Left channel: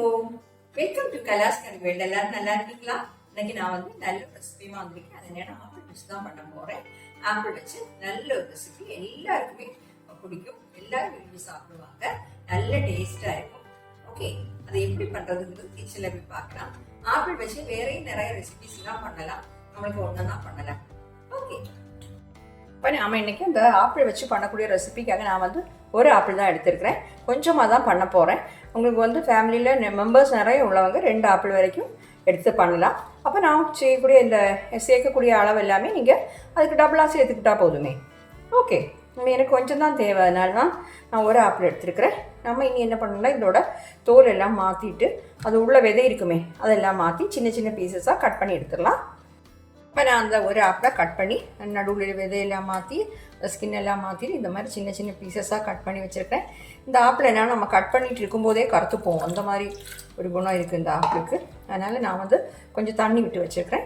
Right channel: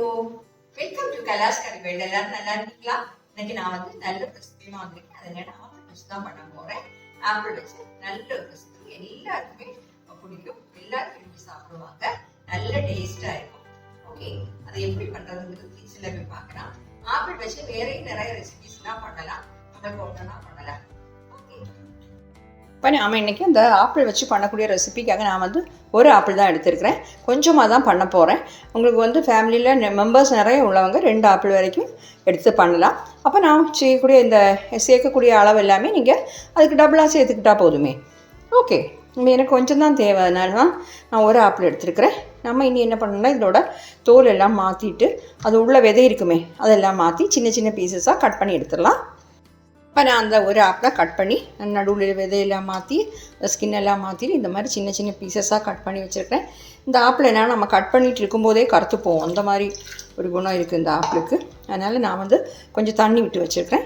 Hello, welcome to Kailash Karivel. எல்லாரும் நல்லா இருக்கீங்களா? இன்னைக்கு நான் நல்ல ரெசிபியுமா வந்திருக்கேன். அது என்னன்னா ஆப்பிள் வச்சு தான் பண்ண போறேன். ஆப்பிள் வச்சு நல்ல ஒரு ரெசிபி, எல்லாருக்குமே பிடிக்கும், எல்லாரும் விரும்பி சாப்பிடுவாங்க, நல்ல டேஸ்டா இருக்கும். ஓகே, அதை எப்படி பண்றதுங்கிறது கிச்சன்ல போய் பார்க்கலாம். ஆப்பிள் வச்சு வேறையும் நிறைய ரெசிபிஸ் எல்லாம் பண்ணலாம், நம்மளுக்கு ஒன்றுனா பண்ணலாம். ஓகே, இப்போ நாம் இன்றைக்கி இந்த ஆப்பிள் வச்சு பண்ணக்கூடிய ரெசிபிக்காக நான் ஒரு ஆப்பிள் தான் எடுத்துருக்கிறேன். கொஞ்சமாக தான் பண்ண போகிறேன். உங்களுக்கு ஃபேமிலியில் மெம்பர்ஸ் நிறைய உள்ளவங்க 2 ஆப்பிள் வரைக்கும் எடுத்து பண்ணலாம். அப்போ நான் செய்யக்கூடிய இந்த சேர்க்கக்கூடிய அளவு எல்லாமே நீங்கள் அதுக்கு டபுளாக சேர்த்துக்கிட்டா போதுமே. ஓகே, எனக்கு கொஞ்சம் தான் தேவை, அதனால தான் நான் ஒரு ஆப்பிள் எடுத்துருக்கிறேன். நம்ம இனி என்ன பண்ணணும்னா இதோட தோல் எல்லாம் மாற்றிட்டு அது உள்ள விதை இருக்குமே அதெல்லாம் மாற்றி சின்ன சின்ன பீசஸாக கட் பண்ணி எடுத்துடலாம். இப்போ நான் அந்த ஒரு ஆப்பிளை கட் பண்ணி நடுவில் விதையெல்லாம் மாற்றி ஸ்கின் எல்லாம் மாற்றிட்டு இந்த மாதிரி சின்ன சின்ன பீசஸாக கட் பண்ணி வச்சுருக்கேன். இந்த ஆப்பிள் என்னென்னா நம்ம கட் பண்ணிகிட்டு இருக்கும்போதே கருத்து போவோம், அந்த மாதிரி ஒரு குணம் இருக்குது இந்த ஆப்பிளுக்கு. அதனால் நான் கொஞ்சம் தண்ணி விட்டு வச்சுருக்கிறேன்.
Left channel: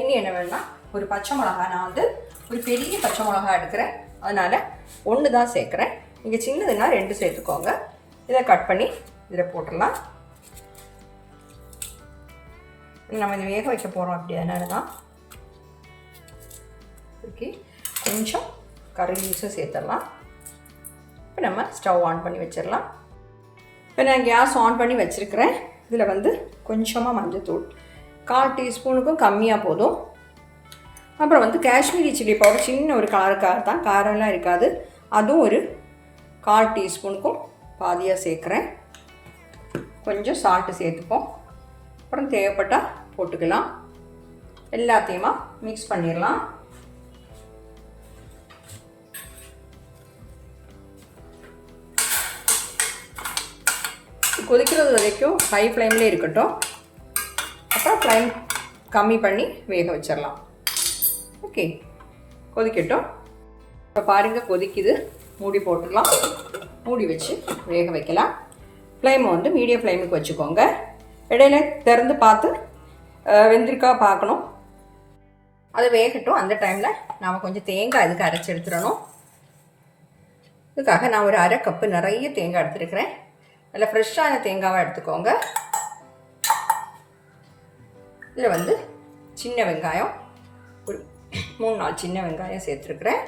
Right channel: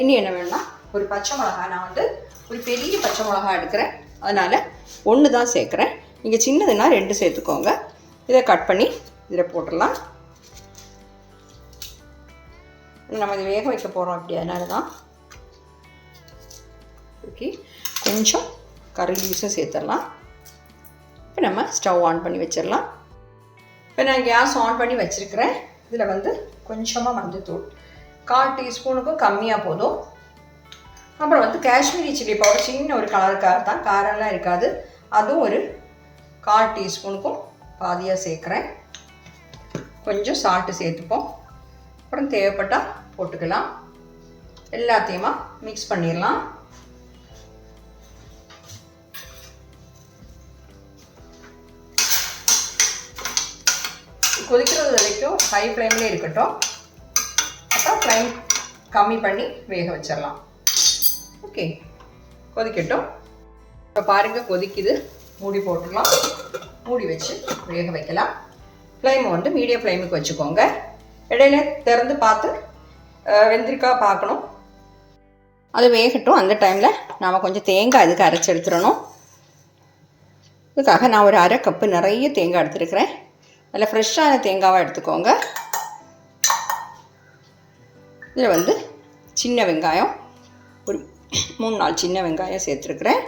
இனி என்ன வேணும்னா ஒரு பச்சை மிளகா, நான் ஒரு பெரிய பச்சை மிளகா எடுக்கிறேன், அதனால் 1 தான் சேர்க்குறேன். நீங்கள் சின்னதுன்னா 2 சேர்த்துக்கோங்க. இதை கட் பண்ணி இதில் போட்டுடலாம். நம்ம இது வேக வைக்க போகிறோம், அப்படி அதனால தான். ஓகே, கொஞ்சம் கறி லீவ்ஸை சேர்த்துடலாம். இப்போ நம்ம ஸ்டவ் ஆன் பண்ணி வச்சிடலாம். இப்போ நான் கேஸ் ஆன் பண்ணி வச்சுருக்கிறேன். இதில் கொஞ்சமாக மஞ்சள்தூள், 1/4 டீஸ்பூனுக்கும் கம்மியாக போதும். அப்புறம் காஷ்மீரி சில்லி பவுடர், சின்ன ஒரு கலருக்காக தான், காரெல்லாம் இருக்காது, அதுவும் ஒரு 1/4 டீஸ்பூனுக்கும் பாதியாக சேர்க்குறேன். கொஞ்சம் சால்ட்டு சேர்த்துப்போம். அப்புறம் தேவைப்பட்டால் போட்டுக்கலாம். எல்லாத்தையுமா மிக்ஸ் பண்ணிடலாம். கொதிக்கிறது வரைக்கும் ஹை ஃப்ளேம்லேயே இருக்கட்டும். அப்புறம் ஃப்ளேம் கம்மி பண்ணி வேக வச்சிடலாம். ஓகே, கொதிக்கட்டும். இப்போ பாருங்கள் கொதிக்குது, மூடி போட்டுக்கலாம். மூடி வச்சு வேக வைக்கலாம். ஃப்ளேமை மீடியம் ஃப்ளேமுக்கு வச்சுக்கோங்க. இடையில திறந்து பார்த்து வெந்திருக்கா பார்க்கணும். அது வேகட்டும். அந்த டைமில் நாம் கொஞ்சம் தேங்காய் இதுக்கு அரைச்சி எடுத்துடணும். இதுக்காக நான் ஒரு 1/2 கப்பு நிறைய தேங்காய் எடுத்துருக்கிறேன். அதில் ஃப்ரெஷ்ஷான தேங்காவை எடுத்துக்கோங்க. இதில் சின்ன வெங்காயம் ஒரு 3-4 சின்ன வெங்காயம் சேர்த்துருக்குறேன்.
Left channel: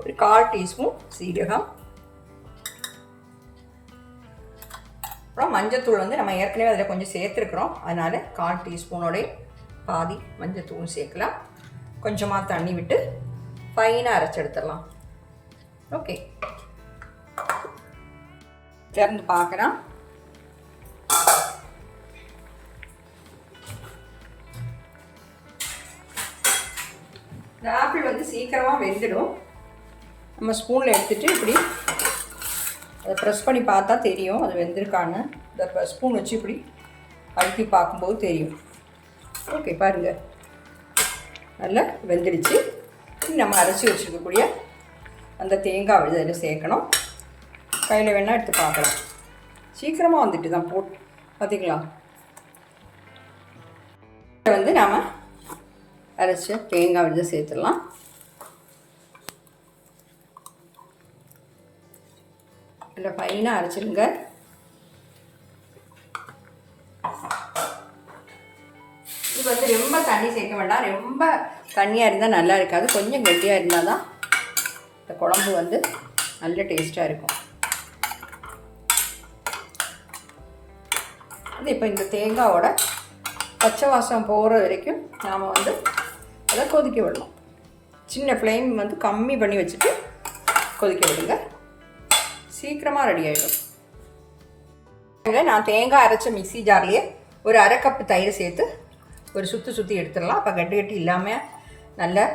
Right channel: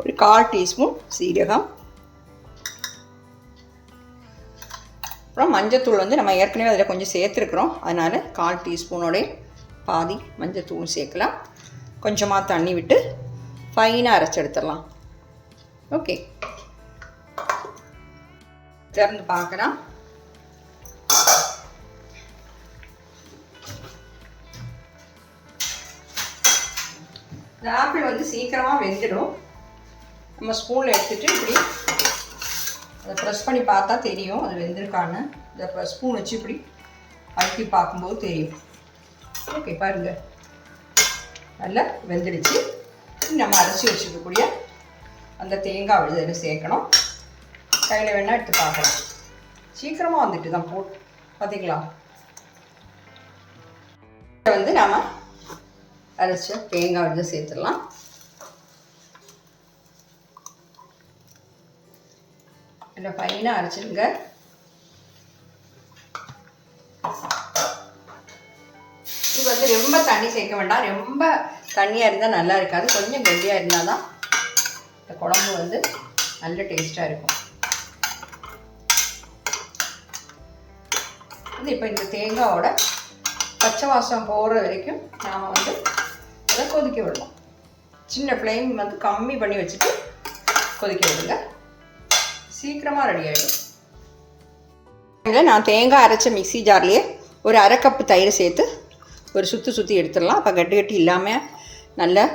ஒரு 1/4 டீஸ்பூன் சீரகம். அப்புறம் மஞ்சத்தூள் நம்ம ஏற்கனவே அதில் கொஞ்சம் சேர்த்துருக்குறோம், அதனால் 1/4 டீஸ்பூனோடைய பாதி மஞ்சத்தூள் சேர்க்கலாம். கொஞ்சமாக தண்ணி விட்டு ஃபைனாக அரைச்சி எடுத்துடலாம். ஓகே, திறந்து பார்க்கலாம். இந்த ஆப்பிள் சீக்கிரமாக வெந்துடும். நம்ம ஸ்பூனில் எடுத்துகிட்டு இப்படி அதை ப்ரெஸ் பண்ணி பார்த்தா தெரியும் அது வெந்திருக்கான்னு. இந்த ஸ்பூன் வச்சு இப்படி அழுத்தி பார்க்கும்போது தெரியும். ஓகே, பாருங்கள் நல்லா வெந்துடுச்சு. நம்ம அரைச்சி வச்சுருக்கக்கூடிய அந்த தேங்காய் விழுதில் சேர்க்கணும். கையில் வேணால் எடுத்து பார்க்கலாம். சீக்கிரமாக வந்துட்டு தான் போட்டு பார்த்திங்களா. இதை நாம் அரைச்ச தேங்காய் விழுத சேர்த்துடலாம். இல்லை ஃபைனாக அரைச்சிருங்க. இது ரொம்ப தண்ணி சேர்க்க வேண்டாம். ரொம்ப தண்ணியாக இருந்தால் நல்லா இருக்காது. கொஞ்சம் கெட்டியாக இருந்தால் தான் இந்த குழம்பு நல்ல டேஸ்ட்டாக இருக்கும். இப்போ இந்த தேங்காயோட பச்சை வாசம் போகிற வரைக்கும் நாம் அதை கொதிக்க விடணும். சின்ன ஃப்ளேம் கம்மி பண்ணி வச்சுட்டு கொதிக்க விடுங்க. சீக்கிரமாக ரெடி ஆகிடும். இதில் நான் தேங்காய் அரைச்ச மிக்ஸி ஜார்லேயே ஒரு 1/2 கப்பு தயிர் சேர்த்து ஒரு சுற்றி எடுத்துடலாம். அப்போ கட்டி கட்டி இல்லாமல் நல்ல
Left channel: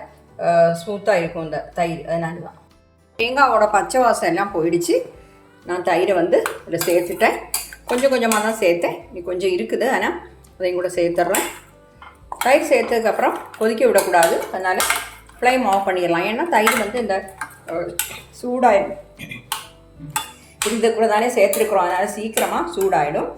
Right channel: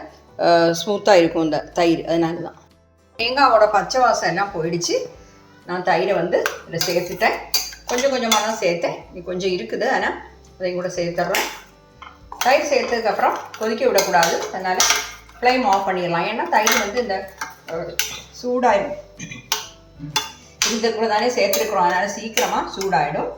ஸ்மூத்தாக இருக்கும் இந்த தயிர். அதனால தான் தேங்காயோட பச்சை வாசம் எல்லாம் போயிடுச்சு. நான் தயிரை இதில் சேர்த்துட்டேன். கொஞ்சம் கொஞ்சமாக தான் சேர்த்தேன், நீ கொஞ்சம் இருக்குது, ஆனால் அதையும் கூட சேர்த்துட்றேன். தயிர் சேர்த்ததுக்கப்புறம் கொதிக்க விடக்கூடாது, அதனால் ஃப்ளேம் ஆஃப் பண்ணிடலாம். ஏன்னா தயிர் இந்த சூடாயிடும். இந்த கூட தானே சேர்த்துருக்குறோம், அதனால் சீக்கிரமாக சூடாயிடும்.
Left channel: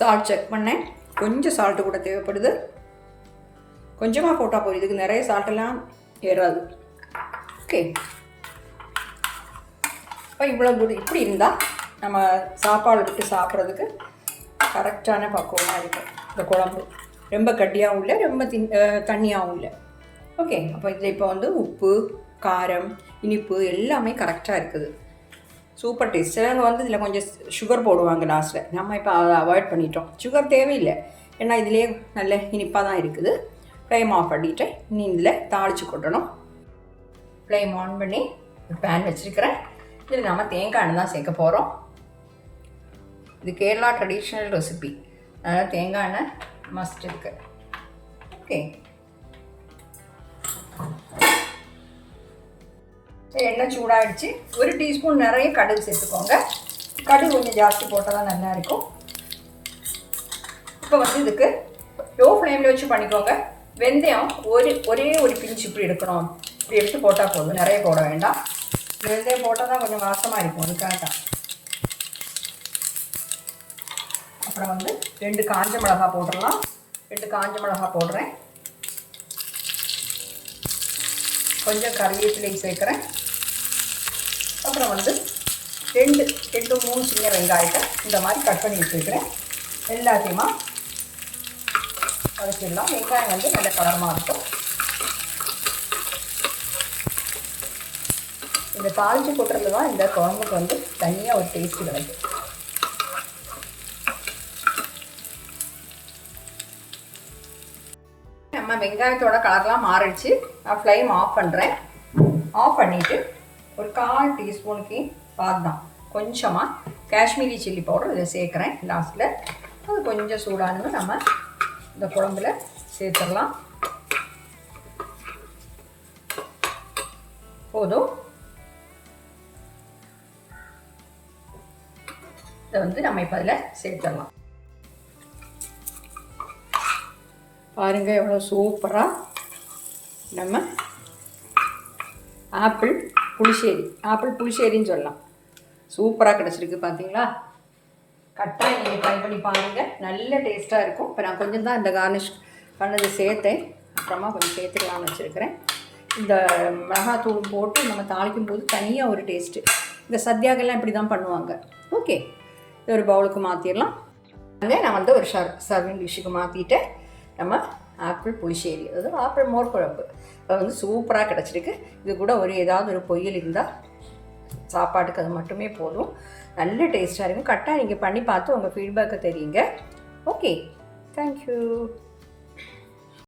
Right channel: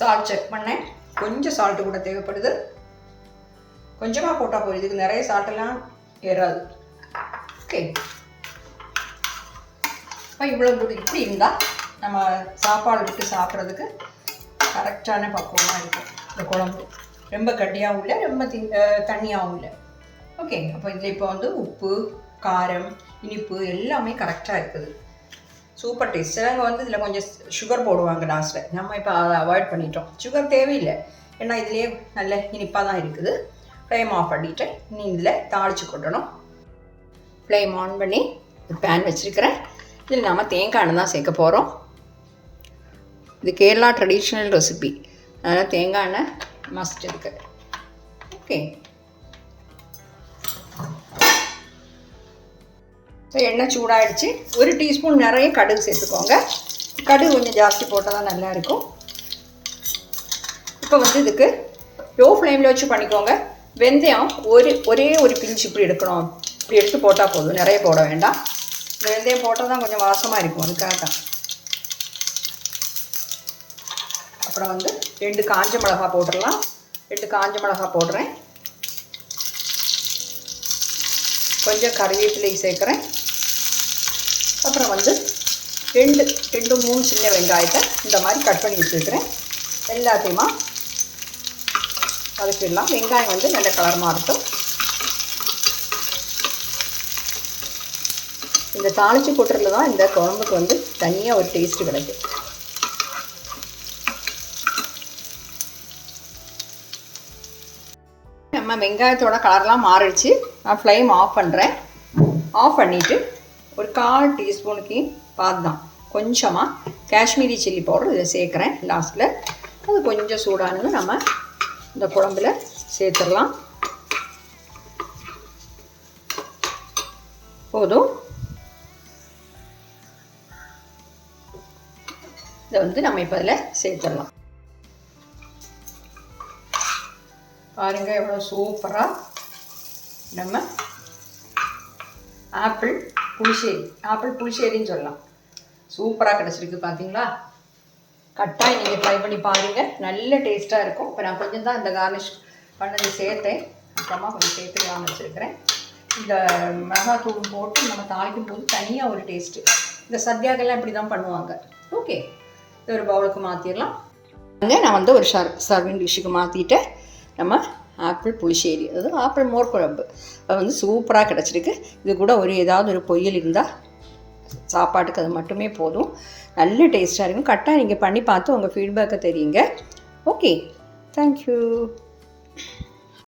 சால்ட் செக் பண்ணேன், கொஞ்சம் சால்ட்டு கூட தேவைப்படுது. கொஞ்சமாக போட்டால் போதும். இதுக்கு நிறைய சால்ட்டெல்லாம் ஏறாது. ஓகே, இப்போ இவ்வளோ தூரம் இப்படி இருந்தால் நம்ம சாப்பாடு விட்டு சாப்பிட்றதுக்கு கரெக்டான பக்குவமாக இருக்கும். இந்த குழம்பு ரொம்ப கட்டியாகவும் இல்லை, ரொம்ப தண்ணியாகவும் இல்லை. ஓகே, அப்போ இதில் இப்போ வந்து உப்பு, காரம், இனிப்பு எல்லாமே கரெக்டாக இருக்குது. Super taste. சிலவங்க வந்து இதில் கொஞ்சம் சுகர் போடுவாங்க லாஸ்ட்டில். நம்ம இப்போ அதை அவாய்ட் பண்ணிட்டோம். சுகர் தேவையில்லை, ஏன்னா இதுலேயே நல்ல இனிப்பாக தான் இருக்குது. ஃப்ளேம் ஆஃப் பண்ணிவிட்டு இனி இதில் தாளித்து கொட்டணும். ஃப்ளேம் ஆன் பண்ணி ஒரு பேன் வச்சுருக்கிறேன். இதில் நம்ம தேங்காய் எண்ணெய் தான் சேர்க்க போகிறோம். இது கேரளா ட்ரெடிஷ்னல் ரெசிபி, அதனால் தேங்காய் எண்ணெய் மஸ்ட் இருக்குது. ஓகே, எண்ணெய் சூடாகிடுச்சு. 1 டீஸ்பூன் நிறைய கடுகு சேர்த்துக்கோங்க. கடுகு கொஞ்சம் ஜாஸ்தி போட்டால் தான் நல்லாயிருக்கும். இப்போ வந்து இதுக்கு லோ ஃப்ளேமில் வச்சு பண்ணிக்கோங்க. வெந்தயம் ஒரே ஒரு பிஞ்சு இப்படி எடுக்கணும். இப்படி எடுத்து போட்டால் போதும், நிறைய போட வேண்டாம். வெந்தயம் போட்டால் தான் கொஞ்சம் வாசமாக இருக்கும், அதுக்காக தான். அப்புறம் வந்து 2 காஞ்ச மிளகா போட்டுடலாம். 2 காஞ்ச மிளகா போடுறேன். கொஞ்சம் கறிவேப்பிலை சேர்க்குறேன். அப்புறம் வந்து 2-3 சின்ன வெங்காயத்தை இந்த மாதிரி கட் பண்ணி வச்சுருக்கிறேன். எல்லாத்தையுமா வதக்கிடலாம். வெங்காயம் வந்து நல்ல கலரமாக இருக்கும். இந்த தாளித்து கொட்டுறதுல தான் இந்த குழம்புக்கு வந்து தனியாக ஒரு டேஸ்ட்டு கிடைக்கும். நம்ம வெங்காயத்தோட கலர்லாம் மாறிடுச்சு. நான் ஃப்ளேம் ஆஃப் பண்ணுறேன். ஆஃப் பண்ணிவிட்டு ஒரு 1/4 டீஸ்பூனுக்கு பாதாம், கொஞ்சமாக காஷ்மீரி சில்லி பவுடர் இதை சேர்க்குறேன் லாஸ்ட்டில். அது கொஞ்சம் சூடானது நம்ம இந்த குழம்புல சேர்த்துடலாம். போதும். இதை வந்து நம்ம இப்போ அதில் சேர்த்துடலாம். பாருங்கள் எவ்வளோ சூப்பராக நம்ம ஆப்பிள் புளிச்சேரின்னு சொல்லலாம். சூப்பராக கிடச்சிருக்கு பார்த்தீங்களா? கட்டாயம் நீங்கள் ட்ரை பண்ணி பாருங்கள், நல்ல டேஸ்ட்டாக இருக்கும். இப்போ நான் கொஞ்சம் தான் இந்த கார்னிஷ் பண்ணது சேர்த்தேன், அப்புறமா கொஞ்சம் சேர்த்துக்கலாம்னு வச்சுருக்கிறேன். இந்த மிளகாத்தூள் போட்டு நம்ம தாளிக்கும் போது தனியாக ஒரு டேஸ்ட்டு. இந்த சத்யாக்கெல்லாம் இப்படி தான் பண்ணுவாங்க. ஓகே, இது ஒரு பவுலுக்கு மாற்றிடலாம். நான் வந்து ஒரு சர்விங் டிஷ்ஷுக்கு மாற்றிட்டு நம்ம ஆப்பிள் புளிச்சேரி, அதாவது ஆப்பிள் மோர் குழம்பு, அது வந்து சூப்பராக கிடச்சிருக்கு. இது கூட ஏதாவது ஒரு பொரியல் இருந்தால் சாப்பாட்டுக்கு அது மட்டுமே போதும். நல்ல டேஸ்ட்டாக இருக்கும். கரெக்டாக நீங்கள் பண்ணி பார்த்து உங்கள் ஃபீட்பேக்கை தெரியுங்க. Okay, thank you.